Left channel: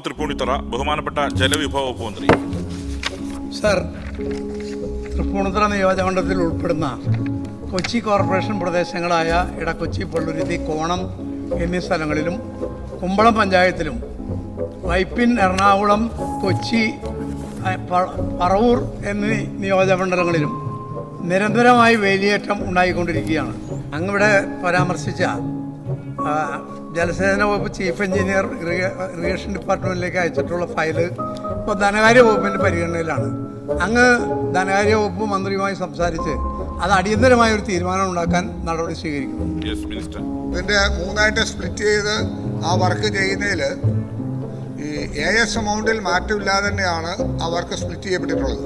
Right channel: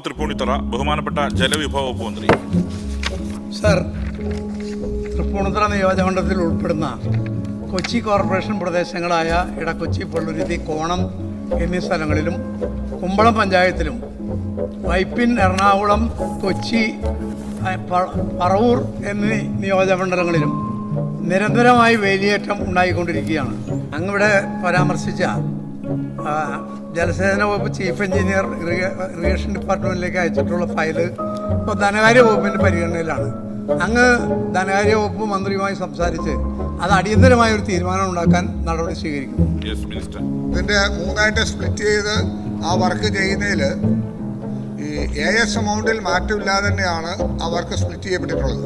തൃപ്പൂണിത്തറ ബഹുമാനപ്പെട്ട ജലവിഭവ വകുപ്പ് മന്ത്രി. സർ, തൃപ്പൂണിത്തറ നിയോജകമണ്ഡലത്തിൽ ഉൾപ്പെടുന്ന കൊച്ചി കോർപ്പറേഷൻ പ്രദേശങ്ങളായ ഇടക്കൊച്ചി, പള്ളുരുത്തി, കോണം എന്നീ സ്ഥലങ്ങളിലും കുമ്പളം പഞ്ചായത്തിലും വൈപ്പിൻ, എറണാകുളം, കൊച്ചി, പറവൂർ എന്നീ നിയോജകമണ്ഡലങ്ങളിലും നിരന്തരമായി വേലിയേറ്റം ഉണ്ടായിക്കൊണ്ടിരിക്കുകയാണ്. അങ്ങിവിടെ പരാമർശിച്ച ജലസേചന വകുപ്പ് ചീഫ് എഞ്ചിനീയർ ഇറിഗേഷൻ ഡിപ്പാർട്ട്മെൻറ്റിലേക്ക് അയച്ചിട്ടുള്ള ഫയല് ഇപ്പോൾ ധനകാര്യ വകുപ്പിൻ്റെ പരിഗണനയിലാണ്. അങ്ങ് ധനകാര്യ വകുപ്പ് മന്ത്രിയുമായി സംസാരിച്ച് അത് അടിയന്തരമായ ഒരു തീരുമാനം ഉണ്ടാക്കാൻ നടപടി സ്വീകരിക്കും. ഇതിൻ്റെ മൂന്നായിട്ട് സ്പ്ലിറ്റ് ചെയ്ത് ആ വർക്ക് ചെയ്യുന്നതിൽ ഈ AS എമൗണ്ടിൽ മാറ്റമില്ലാതെ തന്നെയാണ് ആ വർക്ക് സ്പ്ലിറ്റ് ചെയ്യപ്പെട്ടിട്ടുള്ളത്.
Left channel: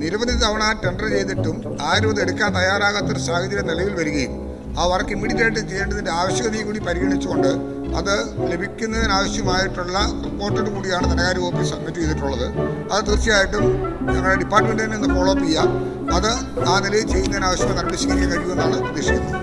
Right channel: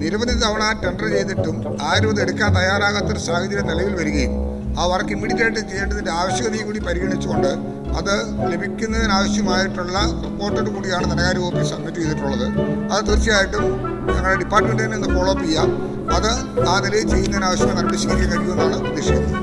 നിരവധി തവണ ടെൻഡർ ചെയ്തിട്ടും ആരും ഇത് എടുക്കാൻ തയ്യാറാകാത്തൊരു സാഹചര്യം നിലവിൽ വരികയും ആ വർക്ക് ഇമ്മീഡിയറ്റായിട്ട് ചെയ്യേണ്ടതിൻ്റെ ആവശ്യകതയും കൂടി പരിഗണിച്ചുകൊണ്ട് അത് ലഭിക്കുന്നതിനാവശ്യമായിട്ടുള്ള റിപ്പോർട്ടോട് കൂടിയാണ് ധനകാര്യ വകുപ്പിൽ സബ്മിറ്റ് ചെയ്തിട്ടുള്ളത്. അത് തീർച്ചയായിട്ടും ഞങ്ങളുടെ ഡിപ്പാർട്ട്മെൻറ്റിൽ നിന്ന് ഫോളോ അപ്പ് ചെയ്യാം. അത് ആ നിലയിൽ ചെയ്യുന്നതിനാവശ്യമായ നടപടി സ്വീകരിക്കാൻ കഴിയുമെന്നാണ് പ്രതീക്ഷിക്കുന്നത്.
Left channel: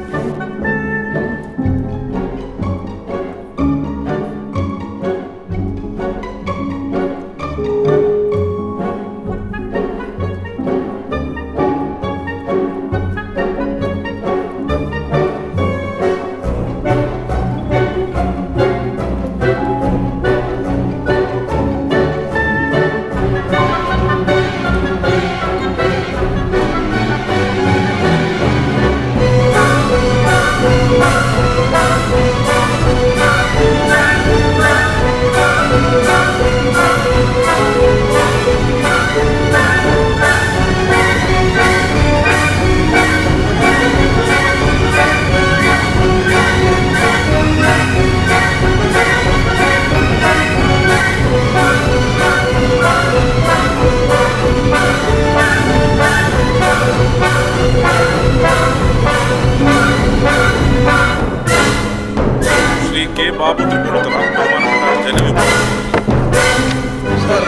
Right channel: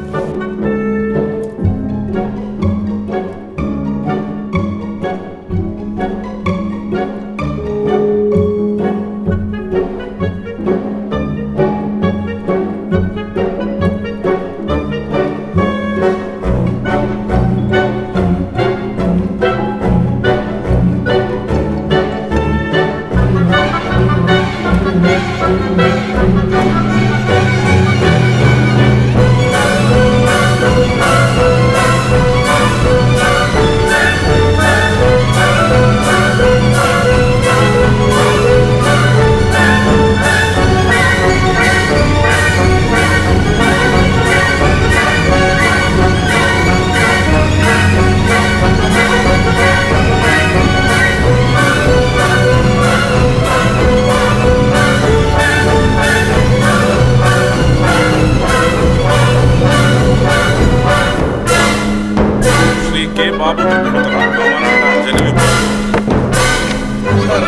K. ബാബു തൃപ്പൂണിത്തറ ബഹുമാനപ്പെട്ട ജലവിഭവ വകുപ്പ് മന്ത്രി. സർ,